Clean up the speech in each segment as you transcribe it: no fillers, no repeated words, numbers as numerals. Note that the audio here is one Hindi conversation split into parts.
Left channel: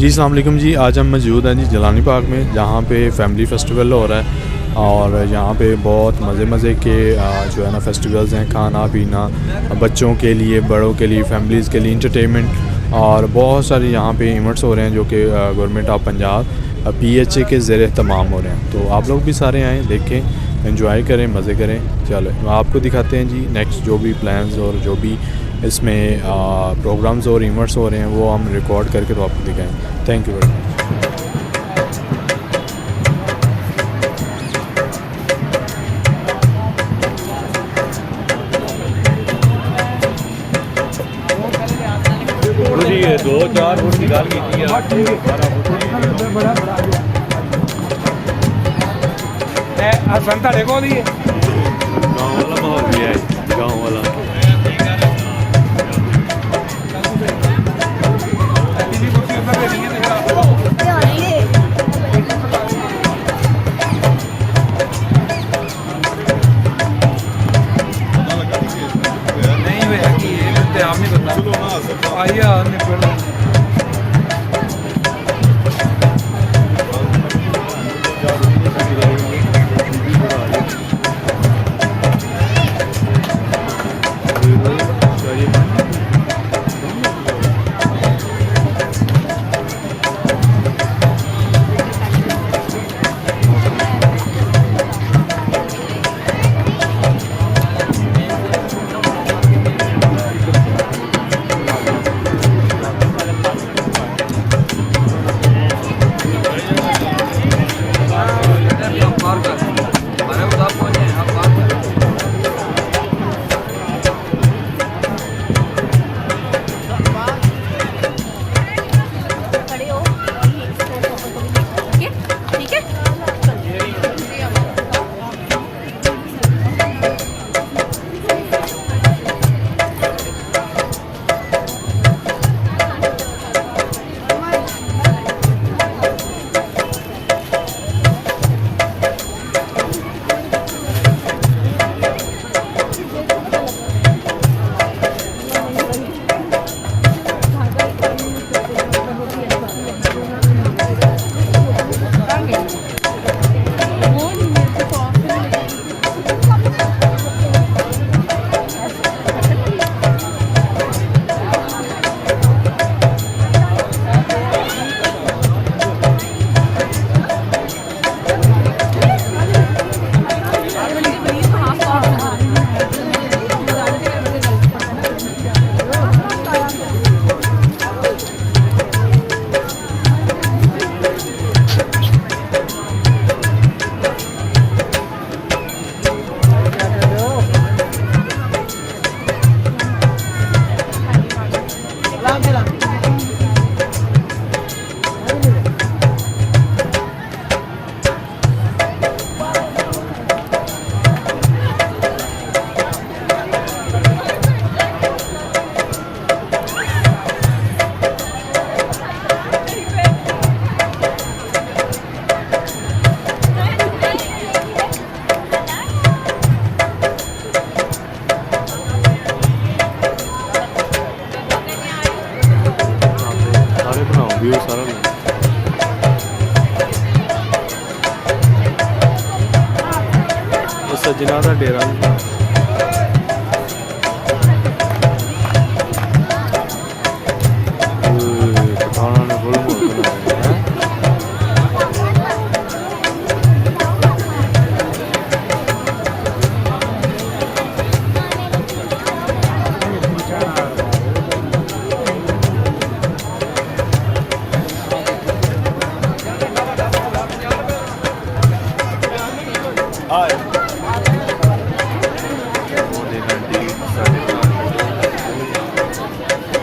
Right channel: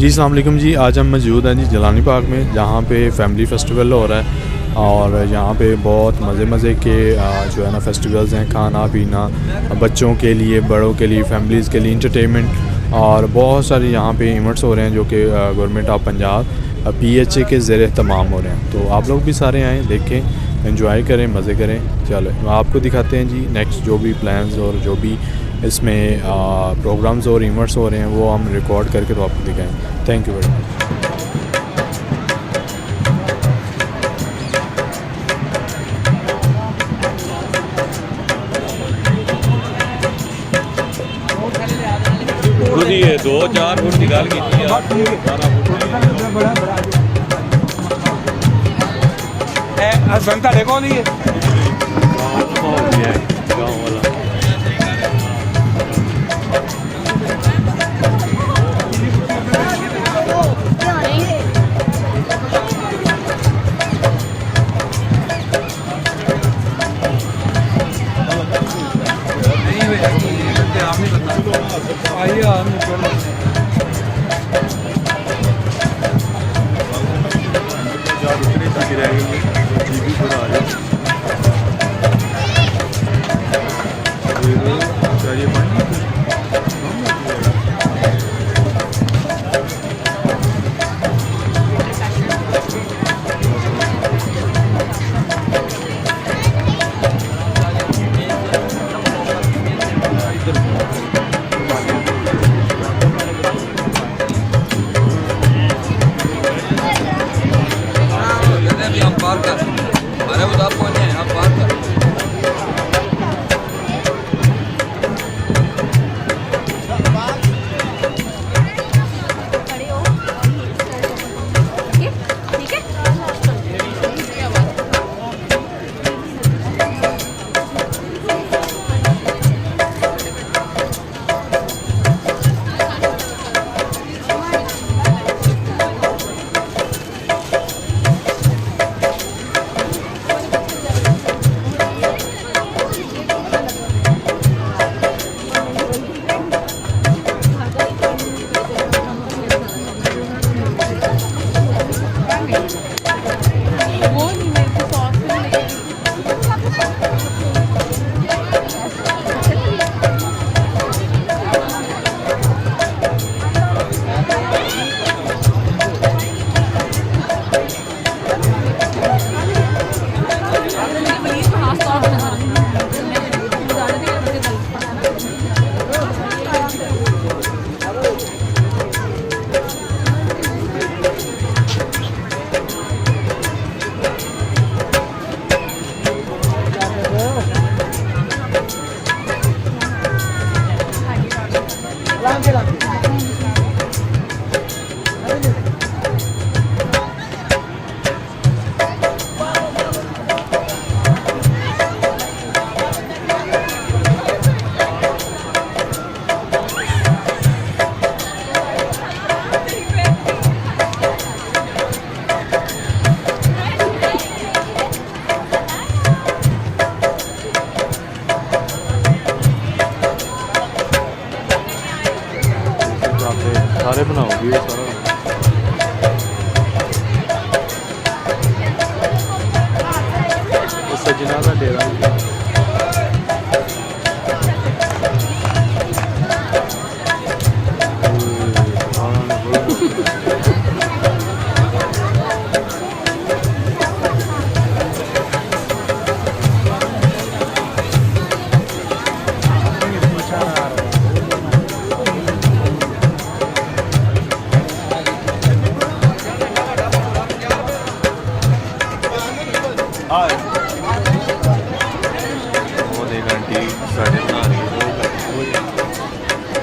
जी अस्सलाम वालेकुम जी। आज हम मौजूद हैं जी जिलानी पार्क में, जहाँ पे फैमिली फेस्टिवल हो रहा है और यहाँ पे बहुत मज़े के जो है ना फेस्टिवल्स हैं। खाना पीना बच्चों के लिए, बड़ों के लिए, फैमिलीज़ के लिए इंटरटेनमेंट और बहुत सारे यहाँ पे इवेंट्स हो रहे हैं जो कि गवर्नमेंट ऑफ पंजाब PHA के ज़रिए तमाम हो रहे हैं। तो आप लोग भी सारे आएँ, देखें, एंजॉय करें, मज़े करें। चलो आपको दिखाते हैं जी नेक्स्ट जो भी प्लान्स और जो भी इसमें प्रोग्राम्स और इवेंट्स हो रहे हैं वो हम रिकॉर्ड करके तो आपको दिखाएंगे। Thank you very much. दो चार फुट निकाल संता देखो सजनादेररा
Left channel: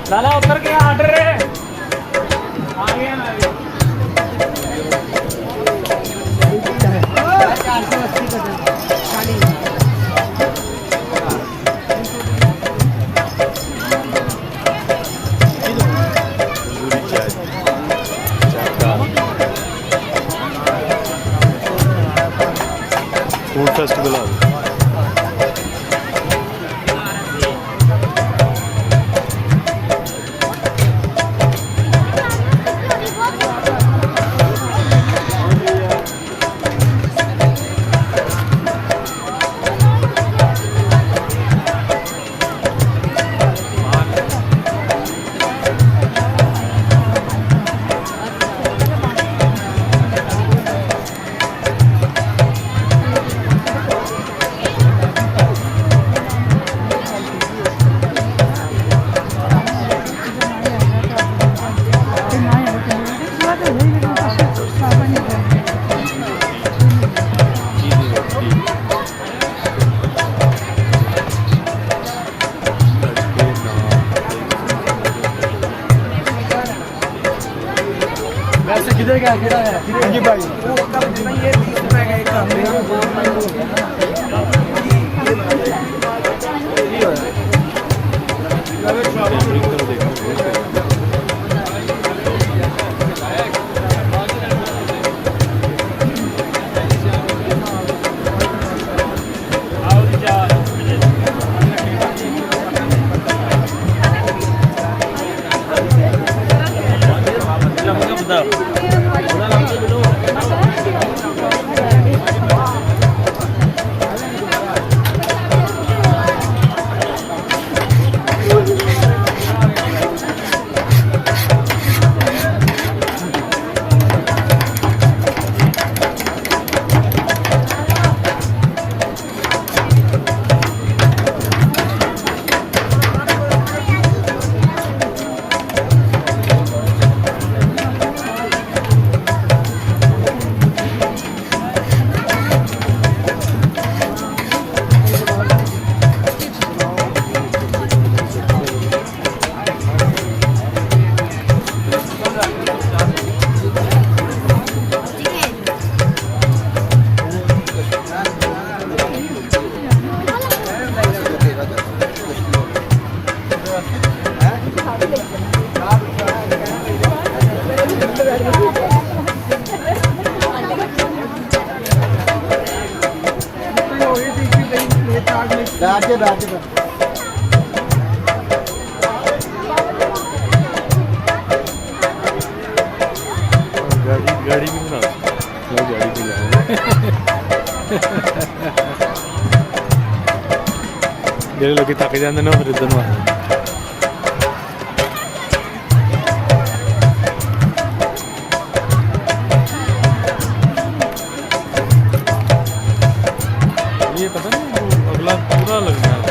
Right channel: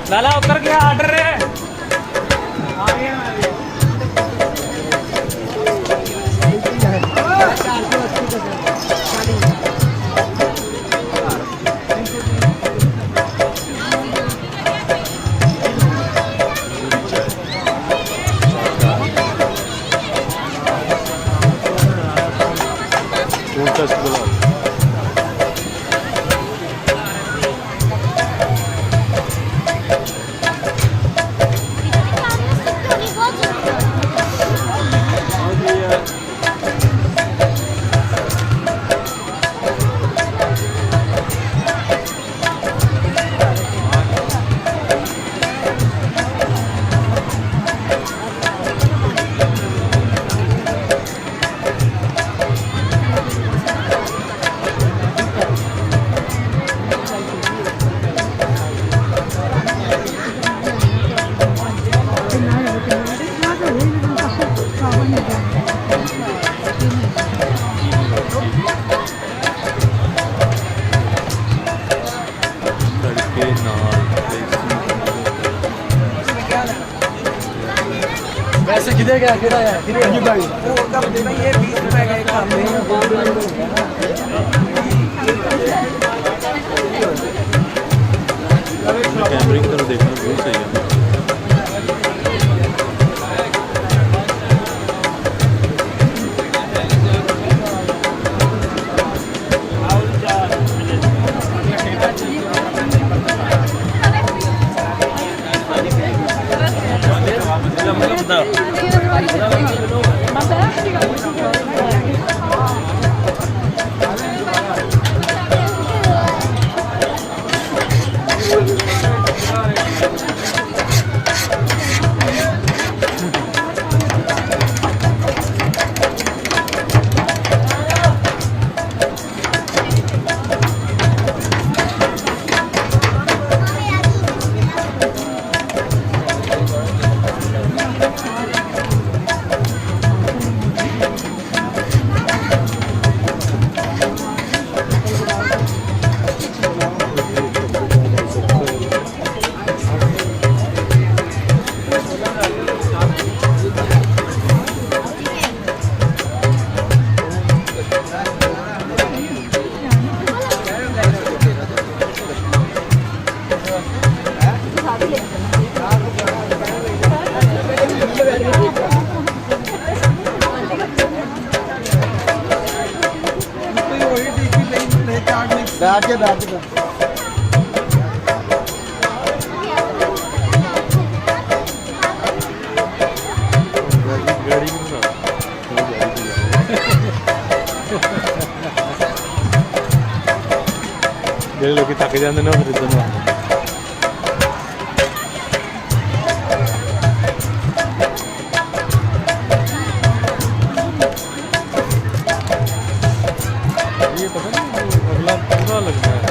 लाला उतर गया ऑर्डर है फेस्टिवल इधर क्या कितना है जी भाई वो कब देता ये 20 रुपए का एक काम है कैमरिंग करो देखने बहुत सही है बैठ के गाड़ी भी बना गाड़ी देख लो कि थक जाते ना फिर उधर ये पता नहीं अगला पूरा लग रहा है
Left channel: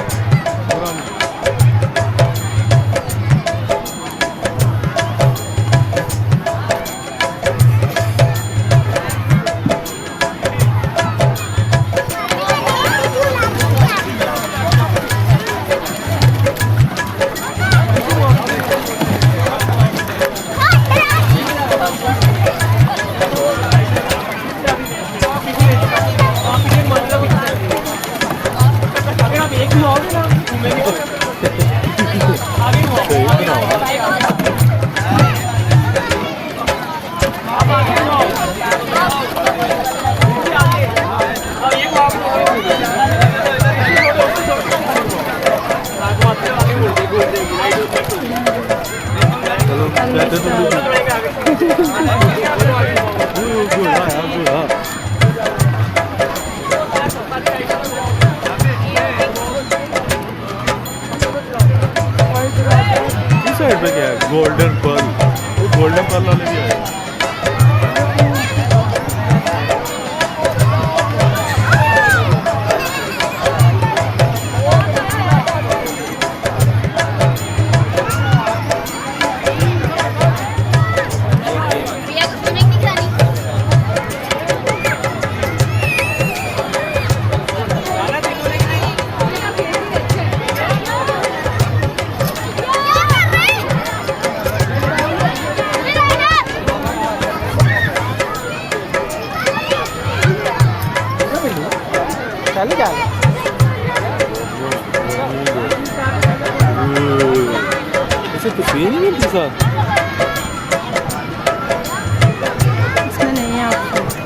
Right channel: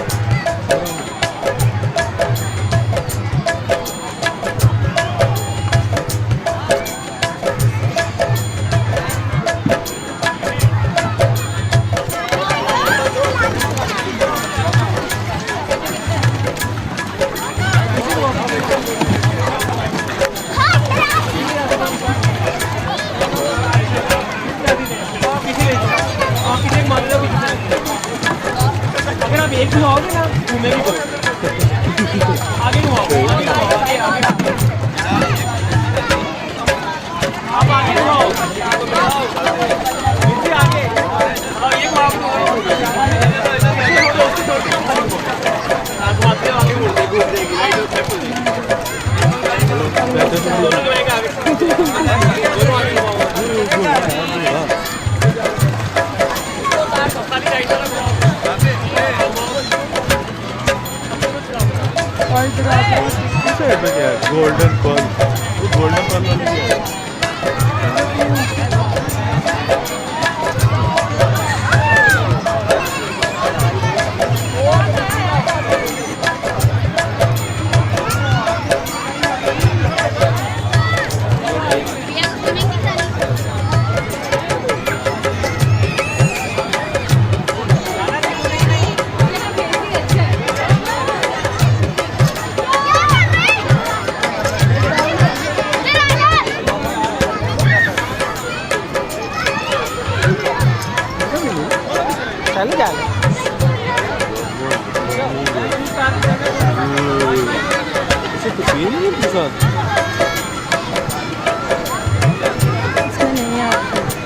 गोल्डन पर्ल वो गोल्डन पर्ल वाले भी है इसमें नहीं है आपको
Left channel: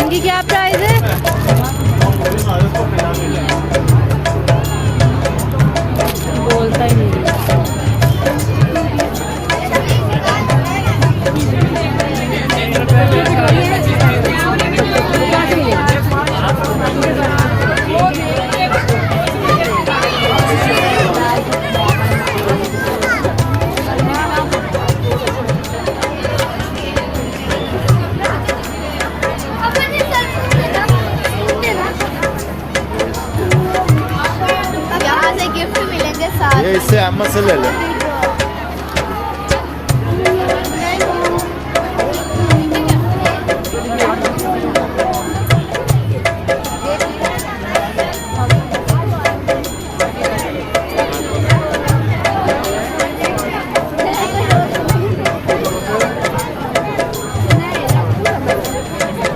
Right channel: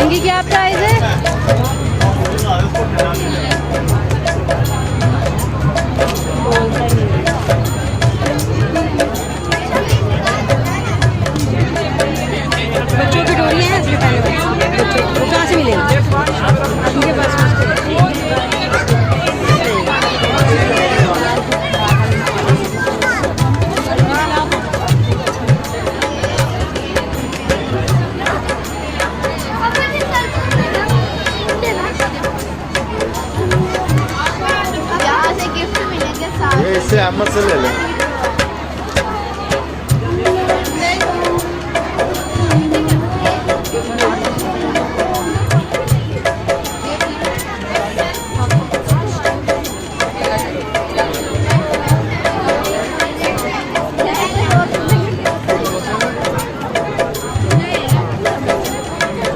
इनकी क्या प्राइस है? बोलता नहीं। इससे अम्मा से ले ले।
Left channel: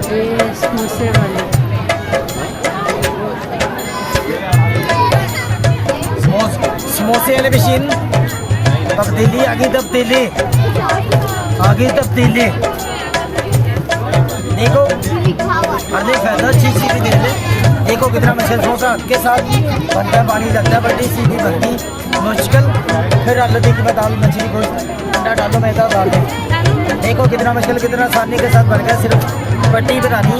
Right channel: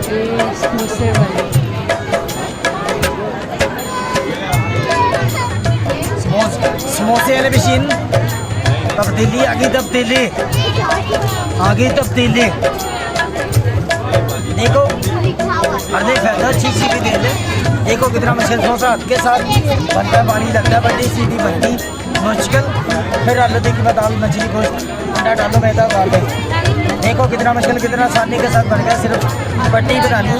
ये समोसे वाले समोसे वाले मशीन तब्दीली आ गई, तब्दीली आ गई, तब्दीली देखो। अरे फायदा अच्छी भी दे ले। देखो कितना मुश्किल समोसा हाथ के साथ बनता है, पानी लगता है, बड़ी सीधी बनती मुश्किल। फिर आलू की दाल, मछली, गोश्त, अंडा डालो, मैदा डाल दो। देखो कितना मुश्किल, कितना आसानी के साथ बन गया। सिर्फ पट्टी बनानी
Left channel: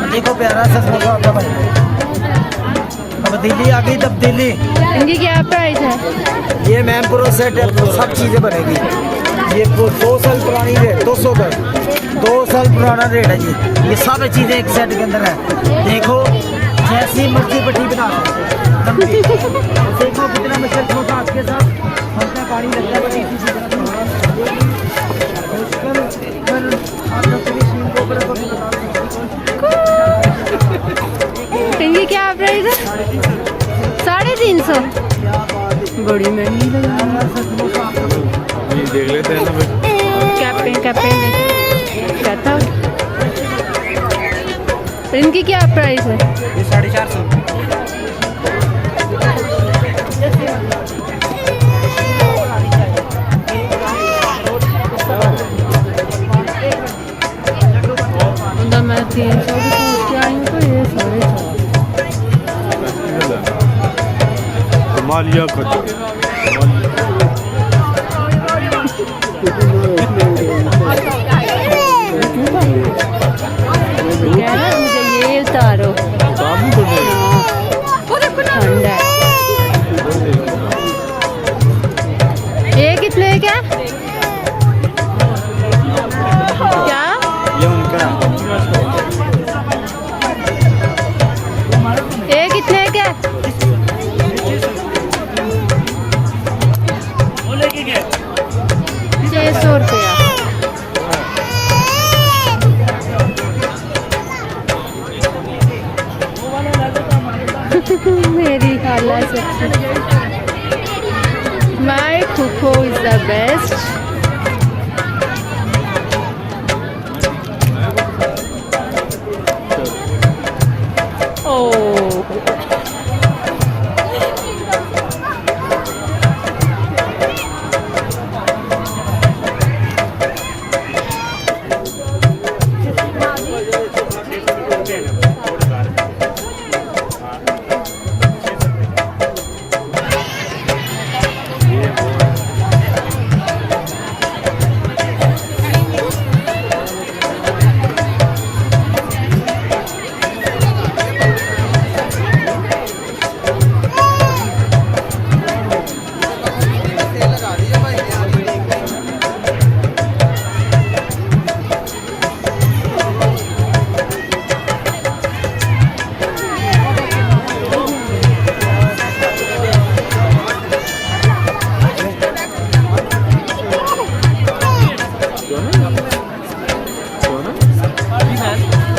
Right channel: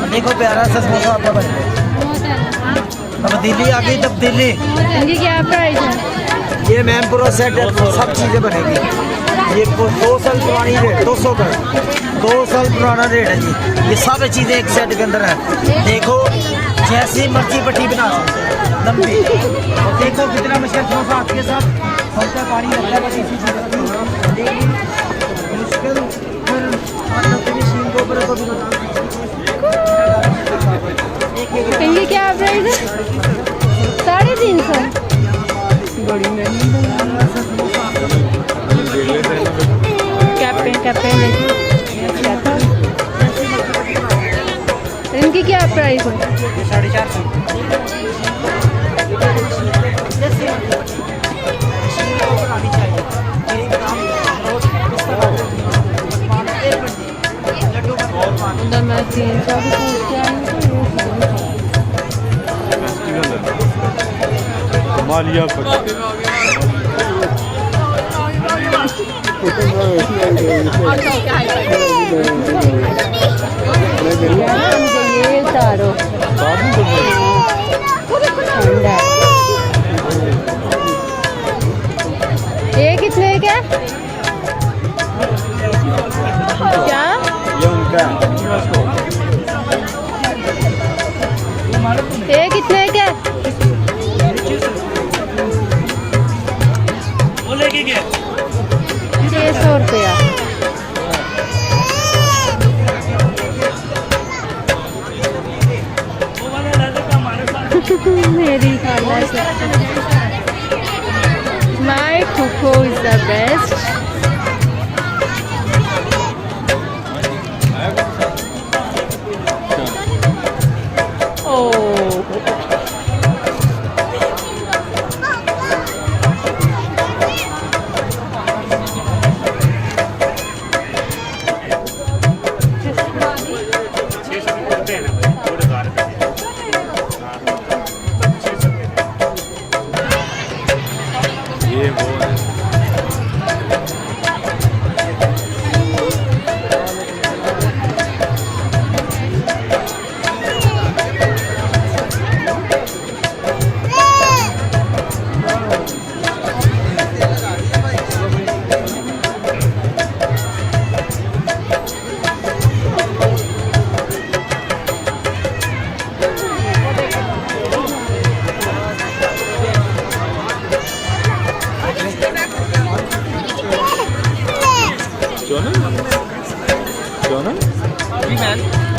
और देखो प्यारा सा समोसा आपका बन गया। तब्दीली आ गई, तब्दीली। इनकी क्या प्राइस है? ये मैम पूरा सेट है, सब चीज़ें बनेगी। ये 2 साल पुरानी रेट, 200 का 2 साल पुराना रेट है जी। ये सब चीज़ें एक सेट के अंदर है। देखो जैसी मर्जी पट्टी बना सकते हैं लंबी। देखो कितना मुश्किल समोसा आपके साथ हल्का पानी लगता है मुश्किल। फिर मशीन को इनकी क्या प्राइस है? 350। बड़ी महंगी कैप्टन कैप्टन क्या था? इनकी क्या प्राइस है? 450। मैं 300 भी पूछ के आई हूँ तो ये मुझे ये उतारो, ठंड है। ये कितने का? क्या ये कितने का? 600 रुपया। मेरी खाला से माय फूफो इज द बेस्ट।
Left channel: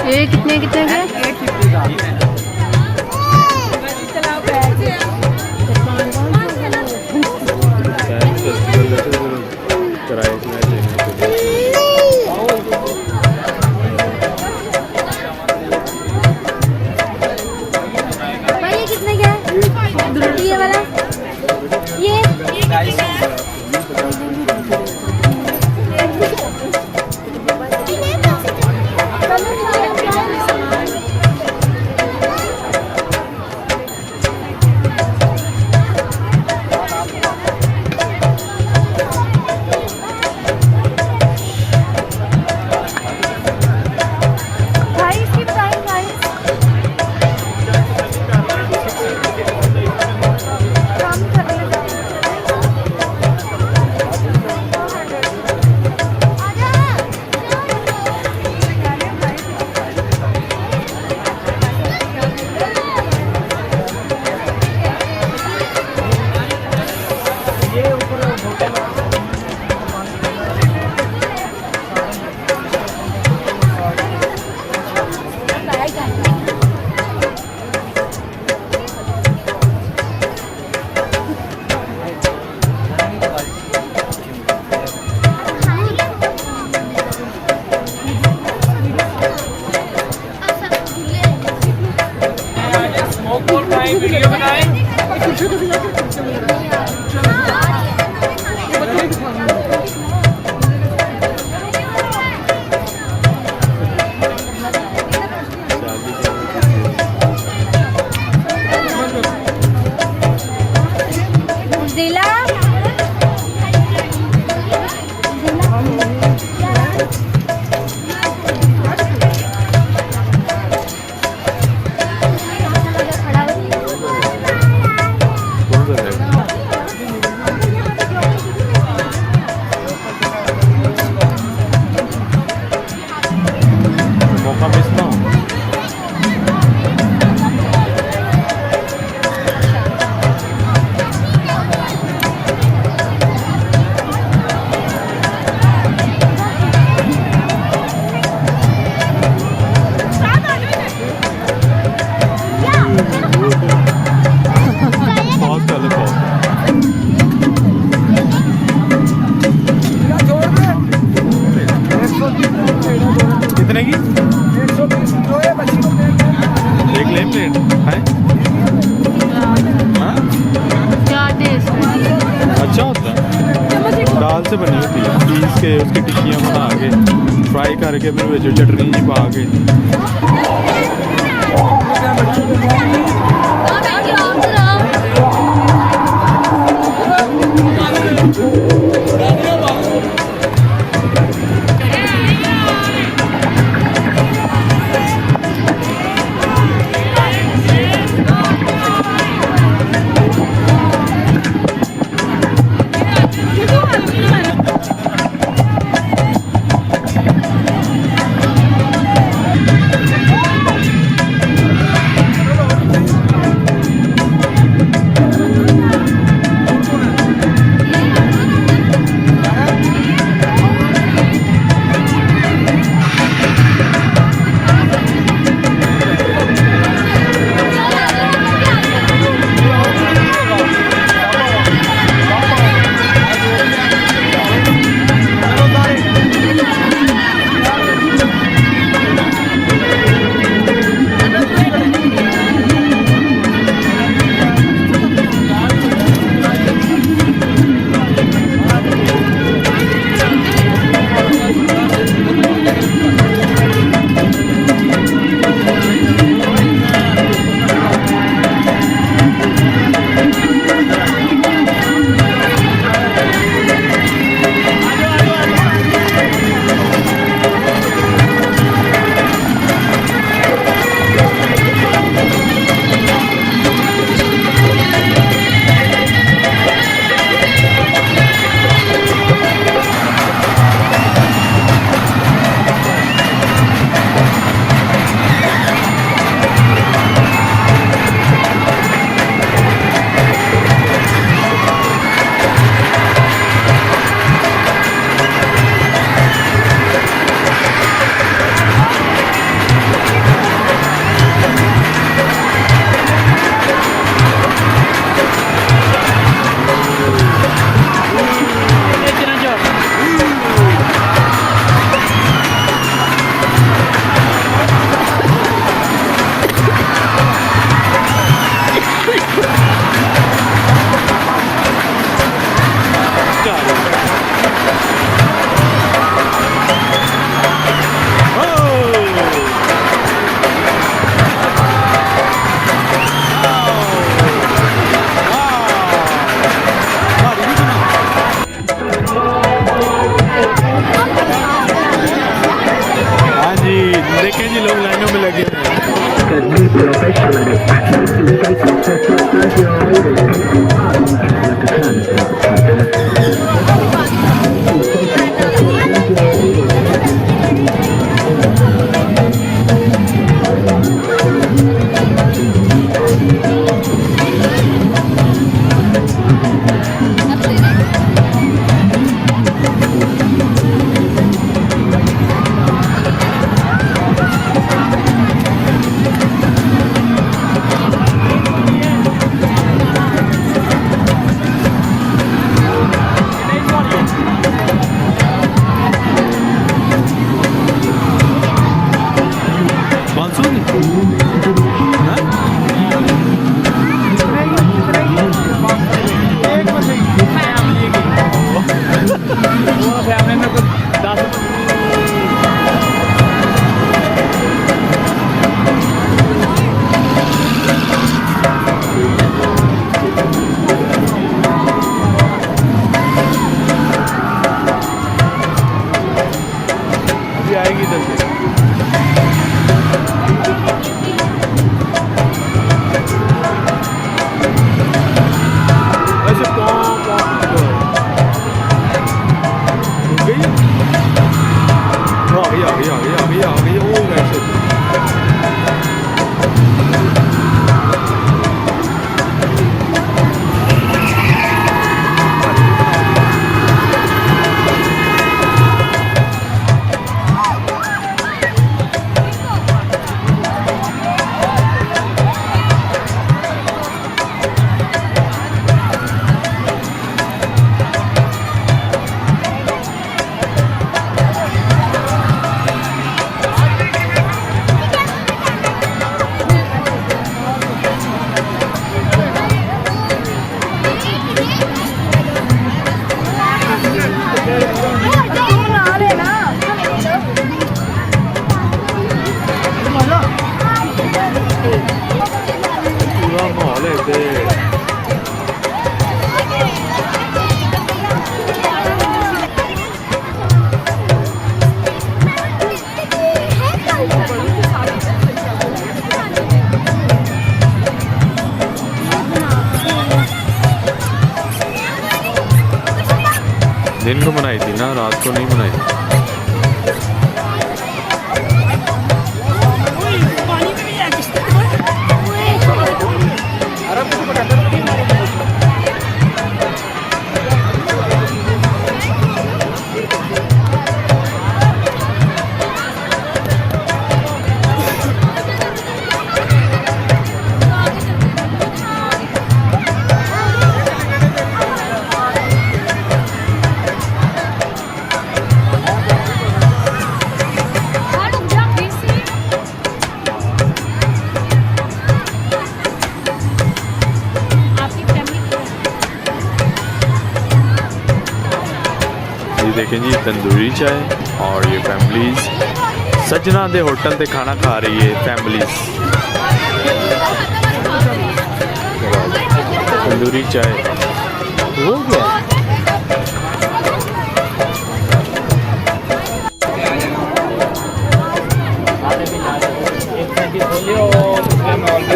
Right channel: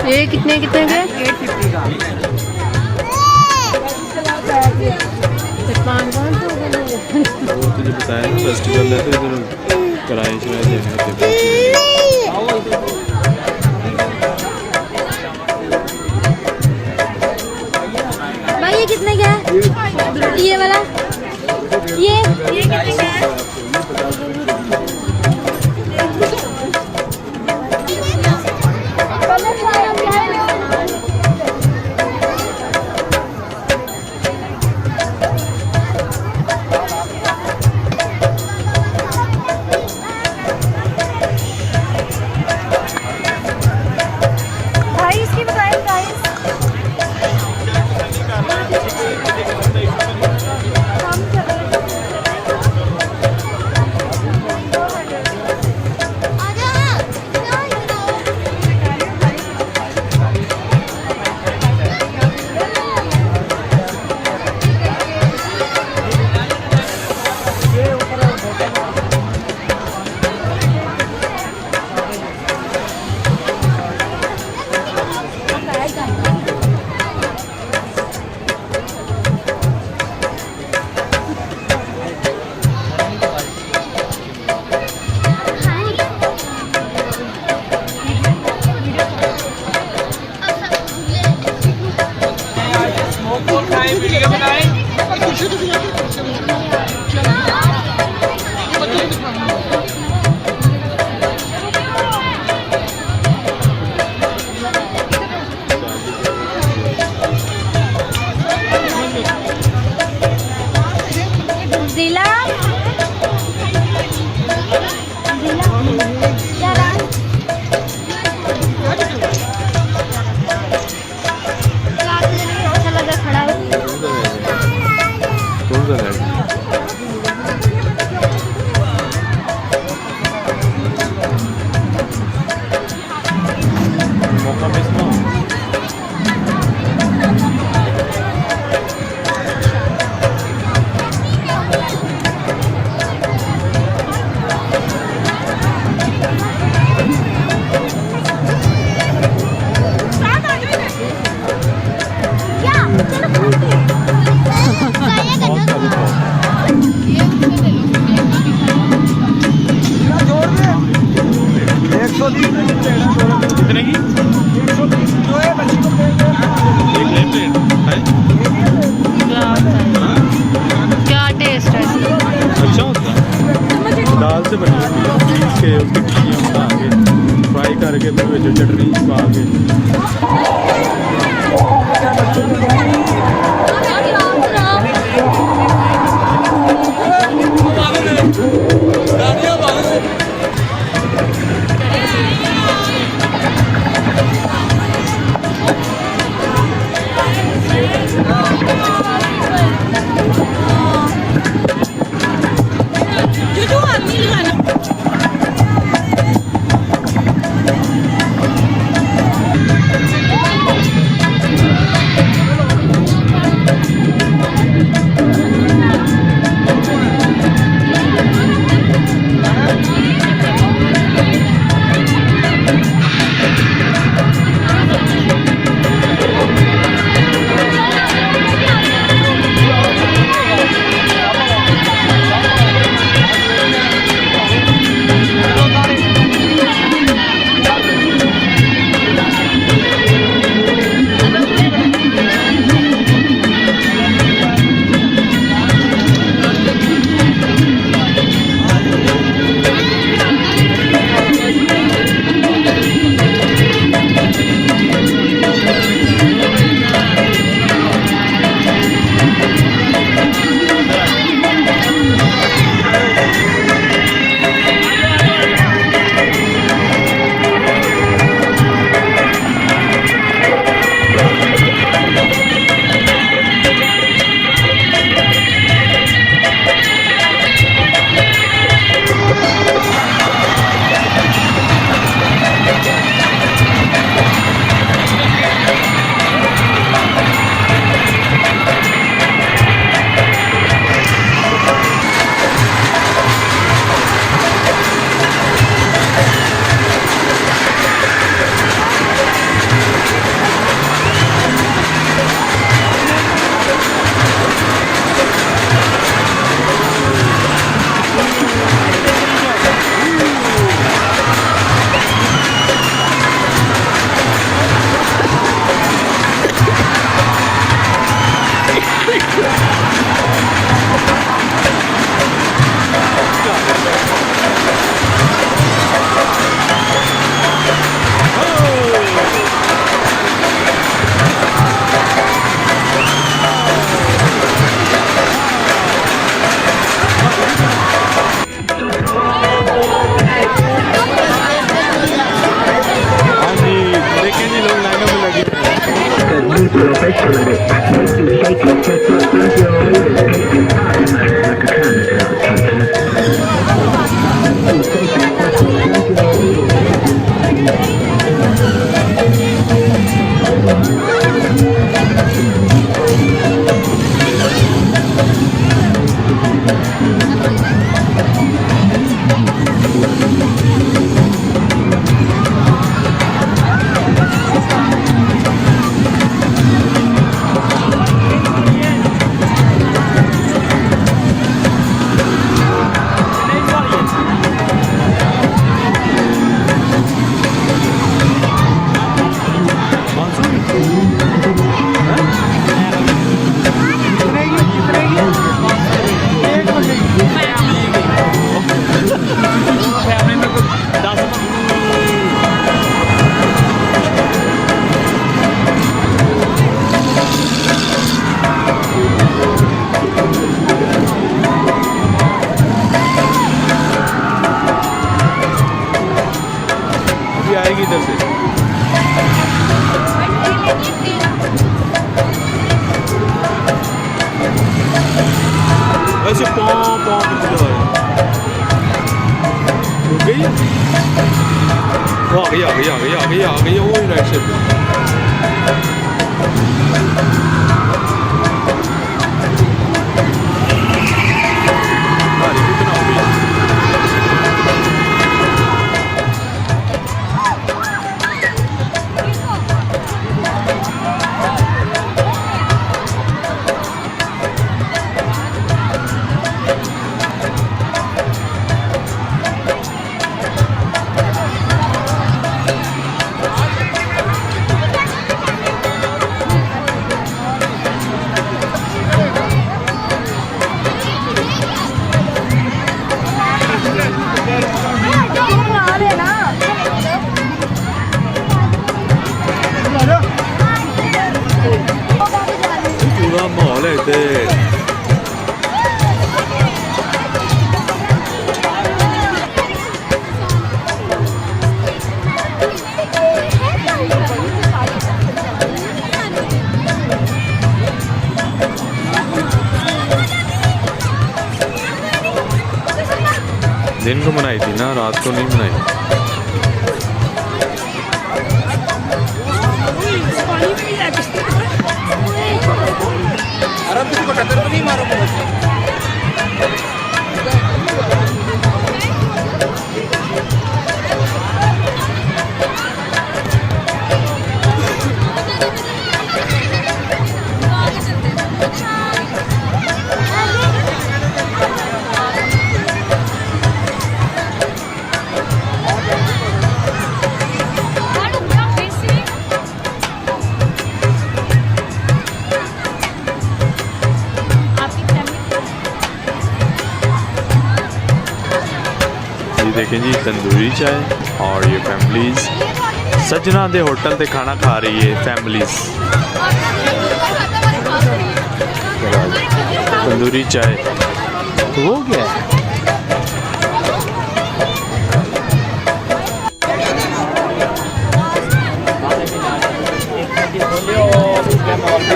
ये कितने कितने का? 850 का। फेस्टिवल है तो किराए भाई ये कितने का है? ये वाला ये कितने का है? जी लोग लाइनों में लगे हुए हैं। दिन को मनाई थी ना, रात को नहीं मनाई। ये देखें जी तंदूरी चाय और ये फैमिलीज सजना दे होटल पे खाना खा रही है फैमिलीज। तंदूरी चाय हो गया।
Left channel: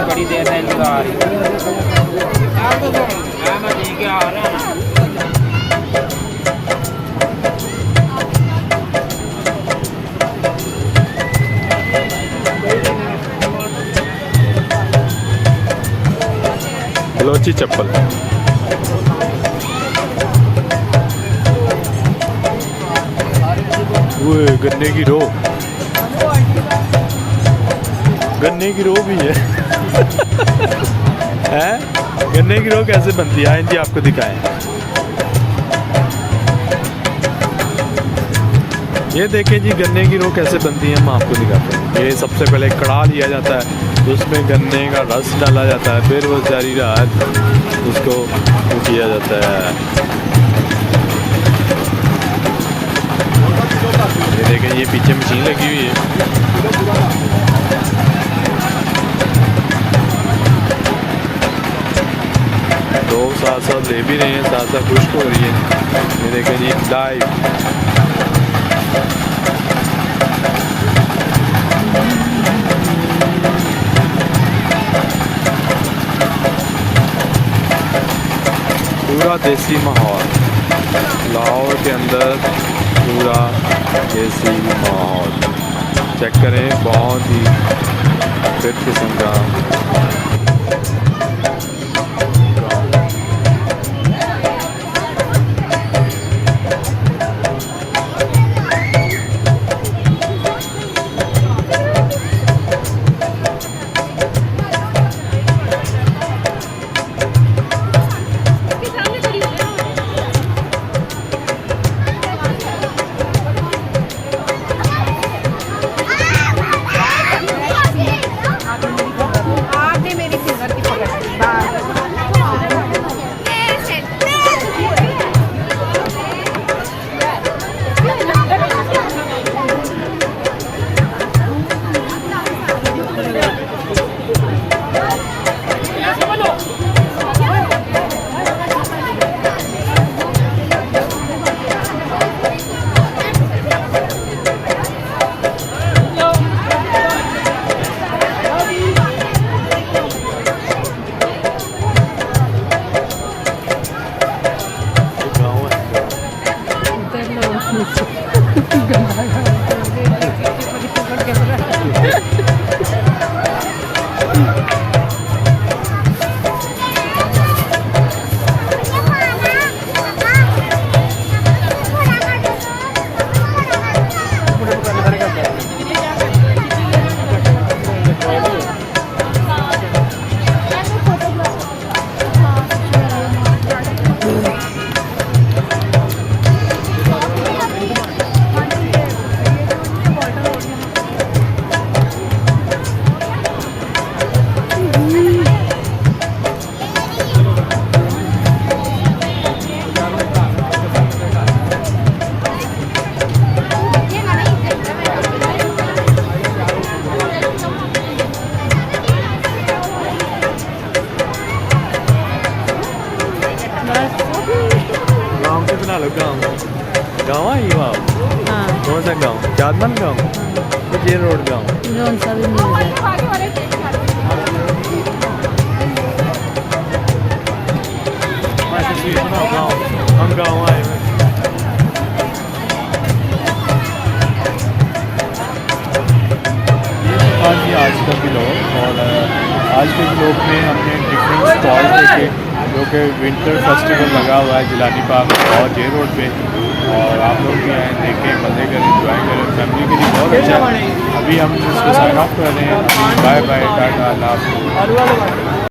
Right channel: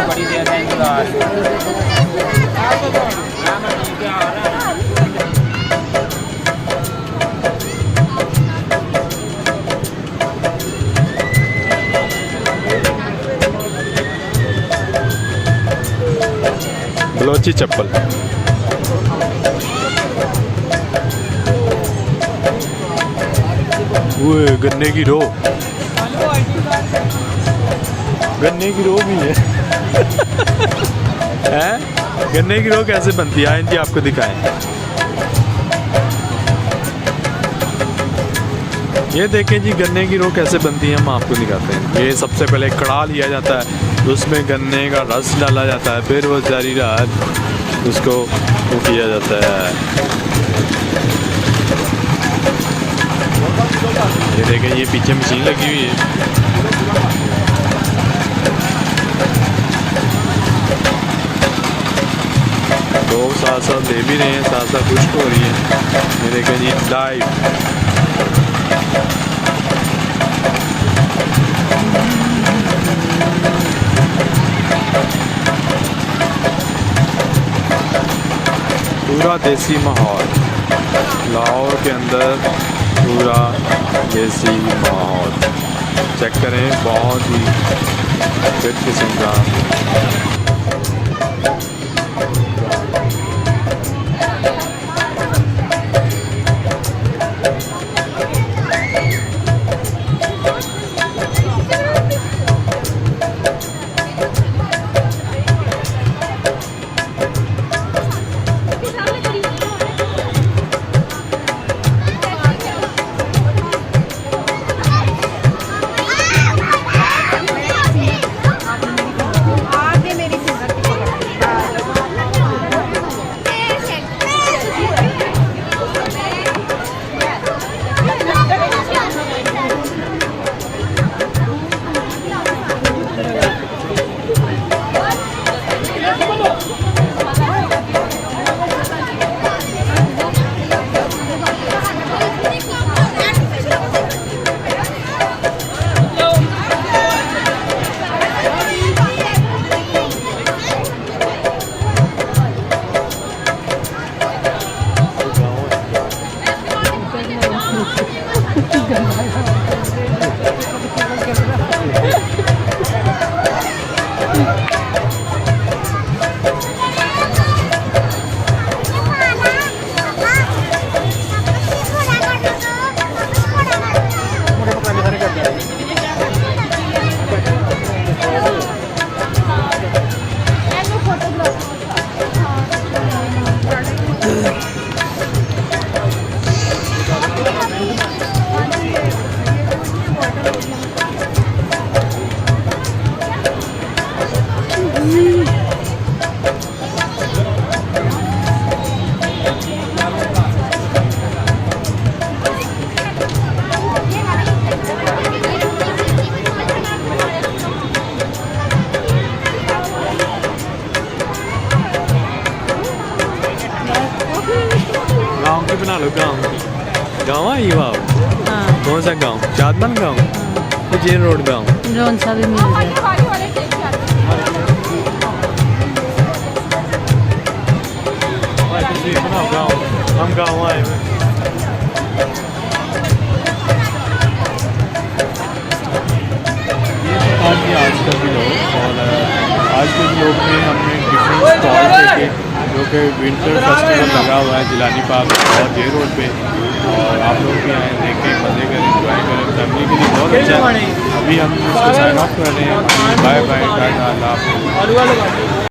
बड़ी देर है बलोची चप्पल वो गन्ने की रो, गन्ने की रो भी है हैं? गन्ने की रो कैसे बनती है आइए आपको दिखाएं। ये देखें जी गन्ने की रो कैसे बनती है, हम आपको दिखाते हैं। ये सबसे पहले कड़ा लिया जाता है, तो उसमें गन्ने का रस डाला जाता है, फिर वो जारी रात उसको वो किया जाता है। ये देखें ये पीछे मशीन लगी हुई है। लोग साथ साथ ले भी रहे हैं, साथ साथ खुश्क हो रही है। ये देखें जी लाइव पूरा देसी माहौल, लाहौर के अंदर पूरा देसी माहौल चेक करें, बहुत ही फिट किस्म का जेल रोड गाँव कौन सा भी मिल जाए। बनाओ गाँव, हम गाँव आए हुए। ये तो था कि आज का व्लॉग, और आज के व्लॉग में हमने डिफरेंट स्टॉल देखे जो कि विंटर फेस्टिवल लगा हुआ है जिलानी पार्क और जे रोड पे, और आप लोग भी आएँ, देखें, मज़े करें, एंजॉय करें, फैमिली के लिए बहुत अच्छा है। अभी हम इसको साइन ऑफ कर रहे हैं। अभी बाय बाय, टाटा, अल्लाह हाफ़िज़।